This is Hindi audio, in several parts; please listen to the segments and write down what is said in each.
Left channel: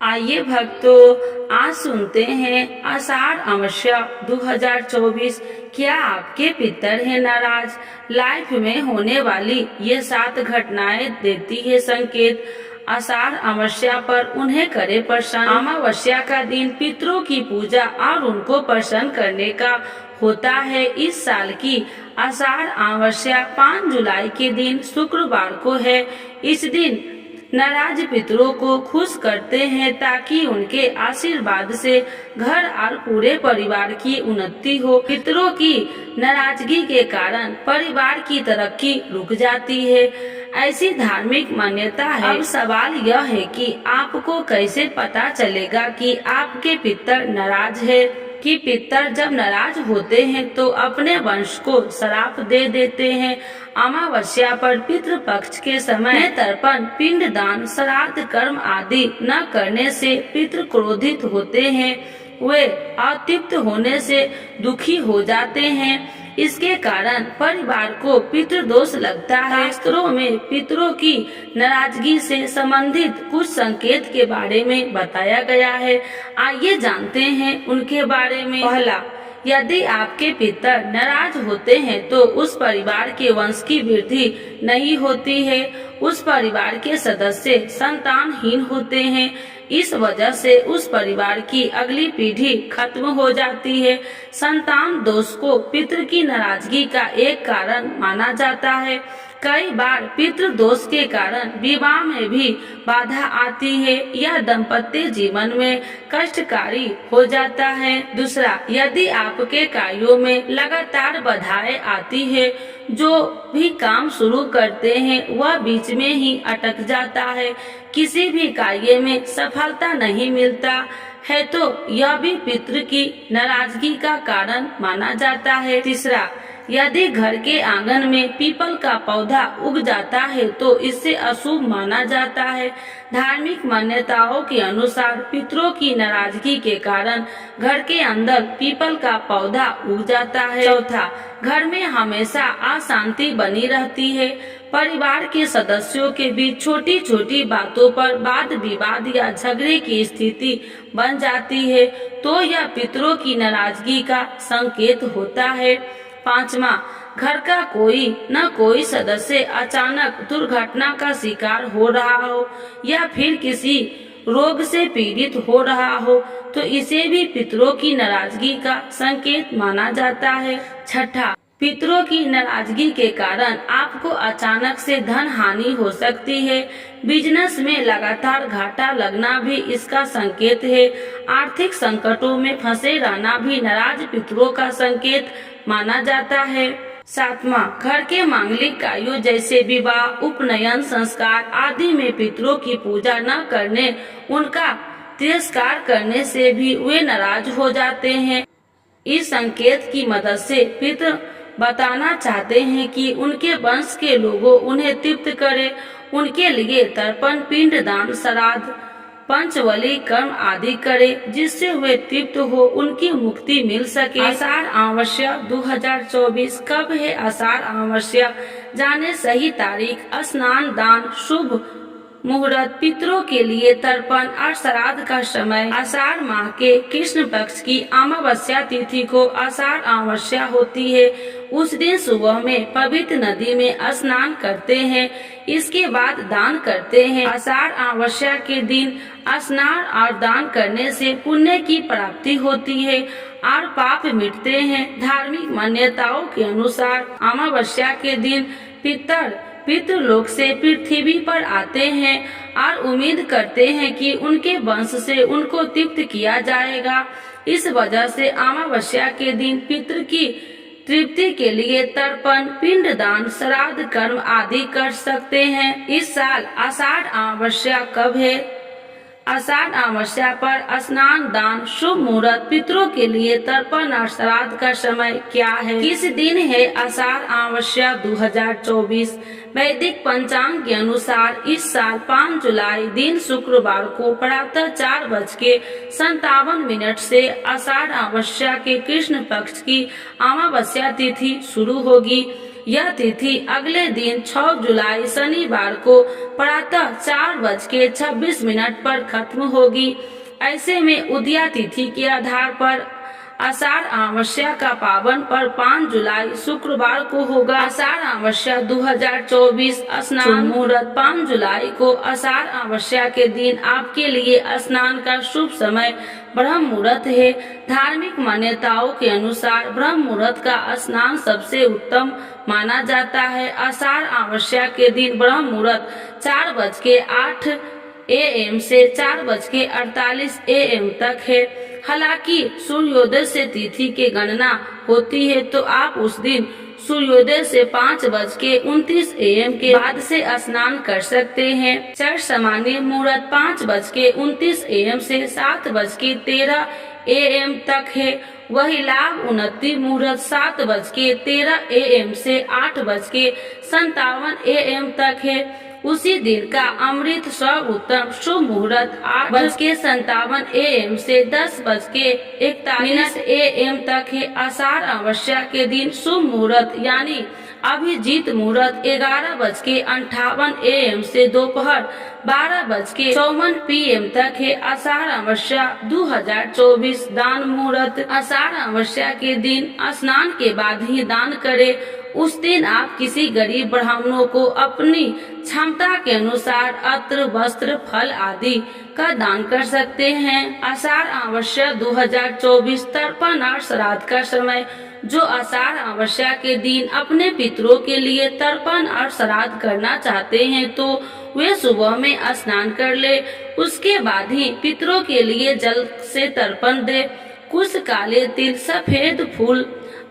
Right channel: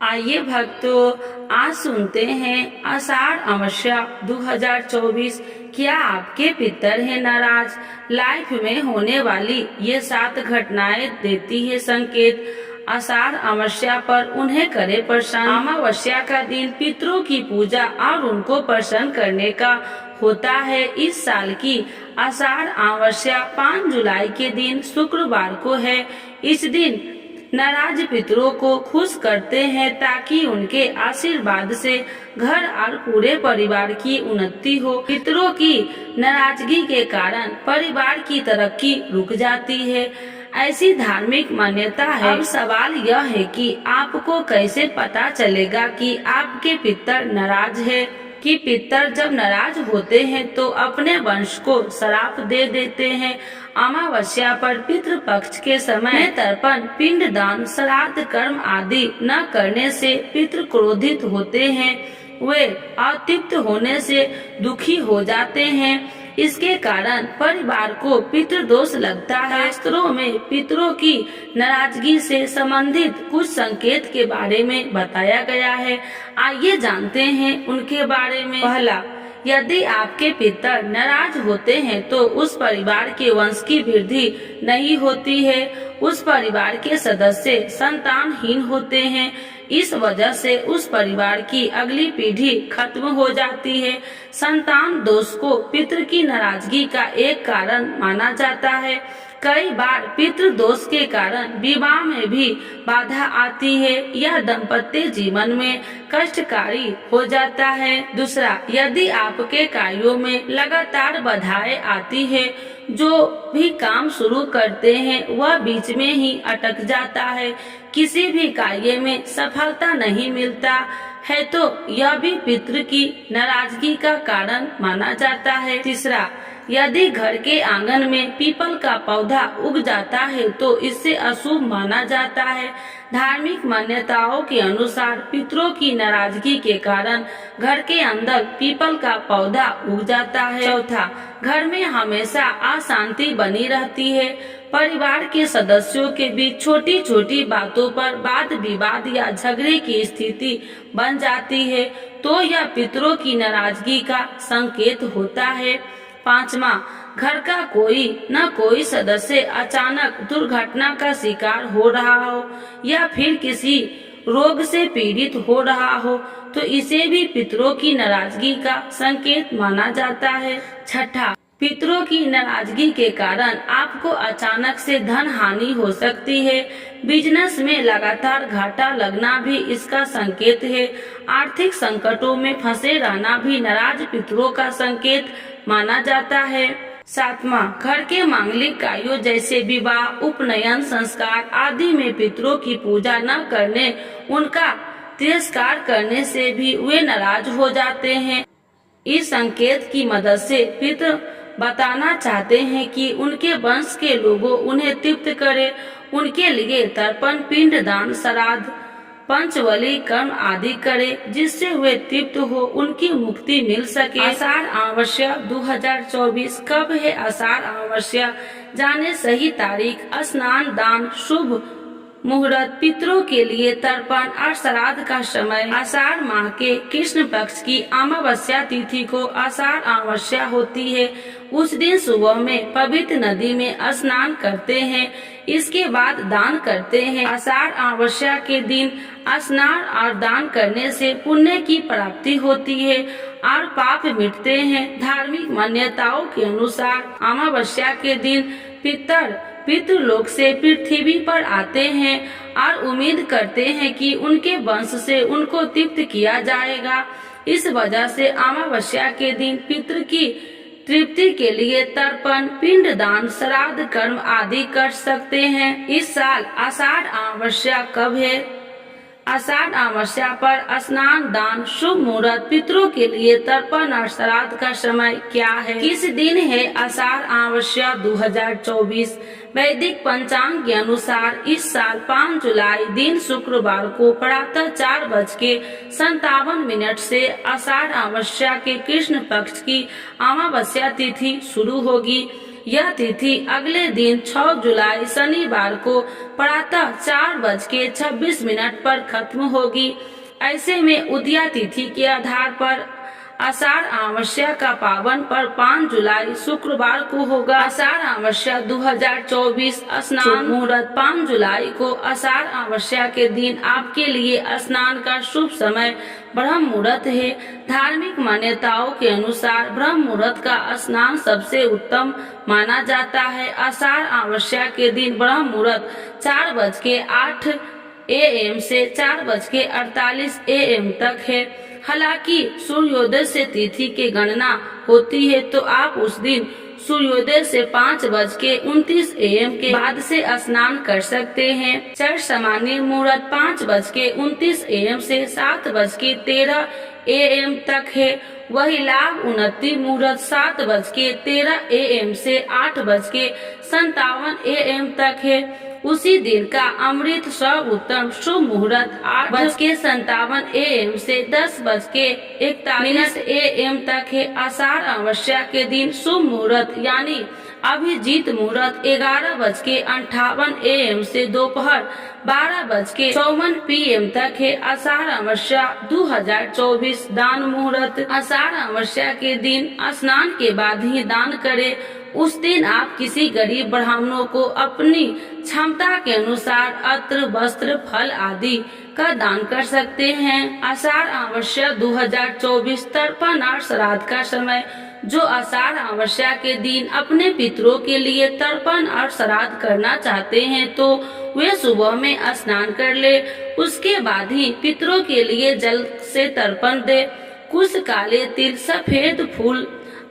आइए भक्तों, आज सुनते हैं आषाढ़ अमावस्या 2024। क्या आपके पितर हैं नाराज? लाइफ में होने वाली ये 7 घटनाएं देती है संकेत। आषाढ़ अमावस्या पर उन्हें करे प्रसन्न। अमावस्या का दिन पितरों की पूजा और उनको प्रसन्न करने का होता है। इस साल की आषाढ़ अमावस्या 5 जुलाई के दिन शुक्रवार को है। इस दिन नाराज पितरों को खुश करते हैं ताकि उनके आशीर्वाद से घर और पूरे परिवार की उन्नति हो। पितरों की नाराजगी के कारण परिवार की तरक्की रुक जाती है, ऐसी धार्मिक मान्यता है। अब सवाल यह है कि आपको कैसे पता चलेगा कि आपके पितर नाराज है? कि पितर जब नाराज होते हैं तो अपने वंश को श्राप दे देते हैं। अमावस्या पर पितृपक्ष के समय तर्पण, पिंडदान, श्राद्ध कर्म आदि न करने से पितृ क्रोधित होते हैं। वे अतृप्त होने से दुखी हो जाते हैं। इसके कारण परिवार को पितृदोष लगता है। शास्त्रों में पितरों की नाराजगी से संबंधित कुछ संकेत के बारे में बताया गया है। आइए जानते हैं उनके बारे में। पहला, यदि आपके पितर नाराज होते हैं तो उस परिवार के वंश की वृद्धि नहीं होती है। उस परिवार के सदस्य संतानहीन होते हैं। इस वजह से उस परिवार की अगली पीढ़ी खत्म हो जाती है। संतान दोष को पितृ की नाराजगी का एक कारण माना जाता है। कई बार पितृ दोष के कारण विवाह में भी बाधा आती है। यह दाम्पत्य जीवन में कष्टकारी हो जाता है। दूसरा, यदि आपके कार्यों में लगातार बाधाएं आती है, जो भी काम शुरू करते हैं वह बीच में ही अटक जाता है, किसी भी कार्य में सफलता नहीं मिलता है, तो यह भी पितृ की नाराजगी का कारण माना जाता है। तीसरा, यदि घर के आंगन में पीपल का पौधा उग जाता है तो इससे अशुभ माना जाता है। धार्मिक मान्यताओं के अनुसार पितरों की नाराजगी के कारण घर के अंदर पीपल का पौधा उग जाता है। चौथा, घर में हमेशा अशांति बनी रहती है। परिवार के सदस्यों के बीच छोटी छोटी बातों पर वाद विवाद या झगड़े की स्थिति बन जाती है, तो यह पितरों की नाराजगी का संकेत होता है। पांचवा, घर का कोई न कोई सदस्य अचानक दुर्घटना का शिकार हो रहा हो या फिर किसी रोग से पीड़ित हो रहा हो, तो इसे भी पितरों की नाराजगी का संकेत माना जाता है। छठा, पितरों की नाराजगी के कारण आपको अचानक से धन हानि हो सकती है। बिजनेस में लगातार घाटा लगना भी इसका संकेत है। आर्थिक संकटों में फंसे रहना भी नाराज पितरों का संकेत माना जाता है। सातवां, घर के मांगलिक कार्यों जैसे विवाह, उपनयन, संस्कार आदि में पितरों की पूजा न करने, उनका तिरस्कार करने से भी वे नाराज हो जाते हैं। इस संकेत की मदद से पितर बताना चाहते हैं कि उनके वंश के लोगों उन्हें तृप्त करे, उनके लिए तर्पण, पिंडदान, श्राद्ध, पंचवली कर्म आदि करे, जिससे वे तृप्त हो, उनकी मुक्ति मिल सके। आषाढ़ अमावस्या 2024 कब है? आषाढ़ अमावस्या जाने सही तारीख, स्नान, दान, शुभ मुहूर्त, पितरों के लिए तर्पण और श्राद्ध का समय। आषाढ़ माह के कृष्ण पक्ष की अमावस्या तिथि को आषाढ़ अमावस्या होती है। उस दिन सुबह में पवित्र नदी में स्नान करते हैं, इसके बाद दान करते हैं। आषाढ़ अमावस्या के दिन स्नान और दान करने से पुण्य की प्राप्ति होती है और पाप मिटते हैं। धार्मिक मान्यताओं के अनुसार अमावस्या के दिन पितृलोक से पृथ्वी पर आते हैं और उम्मीद करते हैं कि उनके वंश से उनको तृप्त किया जाएगा। इस वजह से अमावस्या के दिन पितृ की तृप्ति के लिए तर्पण, पिंडदान, श्राद्ध कर्म आदि कर सकते हैं। इस साल आषाढ़ अमावस्या कब है? आषाढ़ अमावस्या पर स्नान, दान, शुभ मुहूर्त, पितरों के लिए तर्पण और श्राद्ध का समय क्या है? किस दिन है आषाढ़ अमावस्या 2024? वैदिक पंचांग के अनुसार इस साल 5 जुलाई दिन शुक्रवार को प्रातः 4:57 से आषाढ़ अमावस्या के कृष्ण पक्ष की अमावस्या तिथि शुरू होगी। यह तिथि अगले दिन 6 जुलाई शनिवार को प्रातः 4:26 पर खत्म होगी। ऐसे में उदया तिथि के आधार पर आषाढ़ अमावस्या का पावन पर्व 5 जुलाई शुक्रवार को होगा। आषाढ़ अमावस्या 2024 स्नान मुहूर्त 5 जुलाई को आषाढ़ अमावस्या के दिन आपके लिए स्नान का शुभ समय ब्रह्म मुहूर्त है। धार्मिक मान्यताओं के अनुसार ब्रह्म मुहूर्त का स्नान सबसे उत्तम माना जाता है। आषाढ़ अमावस्या के दिन ब्रह्म मुहूर्त 4:08 AM से 4:48 AM तक है। हालांकि सूर्योदय से तिथि की गणना होती है तो आप उस दिन सूर्योदय से 5:29 AM के बाद से स्नान कर सकते हैं। चर सामान्य मुहूर्त 5:29 AM से 7:13 AM तक है। वही लाभ उन्नति मुहूर्त 7:13 AM से 8:57 AM तक है। उसी दिन का अमृत सर्वोत्तम शुभ मुहूर्त 8:57 AM से 10:41 AM तक है। आषाढ़ अमावस्या के दिन शुभ मुहूर्त यानी अभिजीत मुहूर्त 11:58 AM से दोपहर 12:54 PM तक है। आषाढ़ अमावस्या 2024 दान मुहूर्त आषाढ़ अमावस्या के दिन स्नान के बाद ही दान करें। उस दिन आप किसी गरीब ब्राह्मणों को अपनी क्षमता के अनुसार अत्र वस्त्र फल आदि का दान कर सकते हैं। आषाढ़ अमावस्या 2024 तर्पण और श्राद्ध का समय। जो आषाढ़ अमावस्या के दिन अपने पितरों के लिए तर्पण और श्राद्ध करना चाहते हैं तो वे सुबह में स्नान कर ले, उसके बाद ही पितरों के लिए जल से तर्पण दे। कुछ काले तिल, सफेद फूल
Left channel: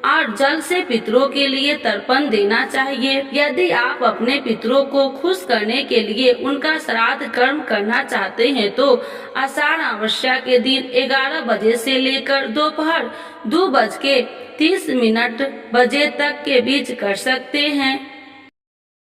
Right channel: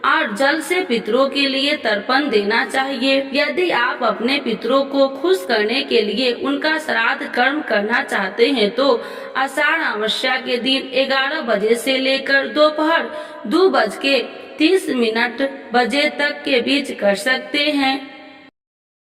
और जल से पितरों के लिए तर्पण देना चाहिए। यदि आप अपने पितरों को खुश करने के लिए उनका श्राद्ध कर्म करना चाहते हैं तो आषाढ़ अमावस्या के दिन 11 बजे से लेकर दोपहर 2:30 बजे तक के बीच कर सकते हैं।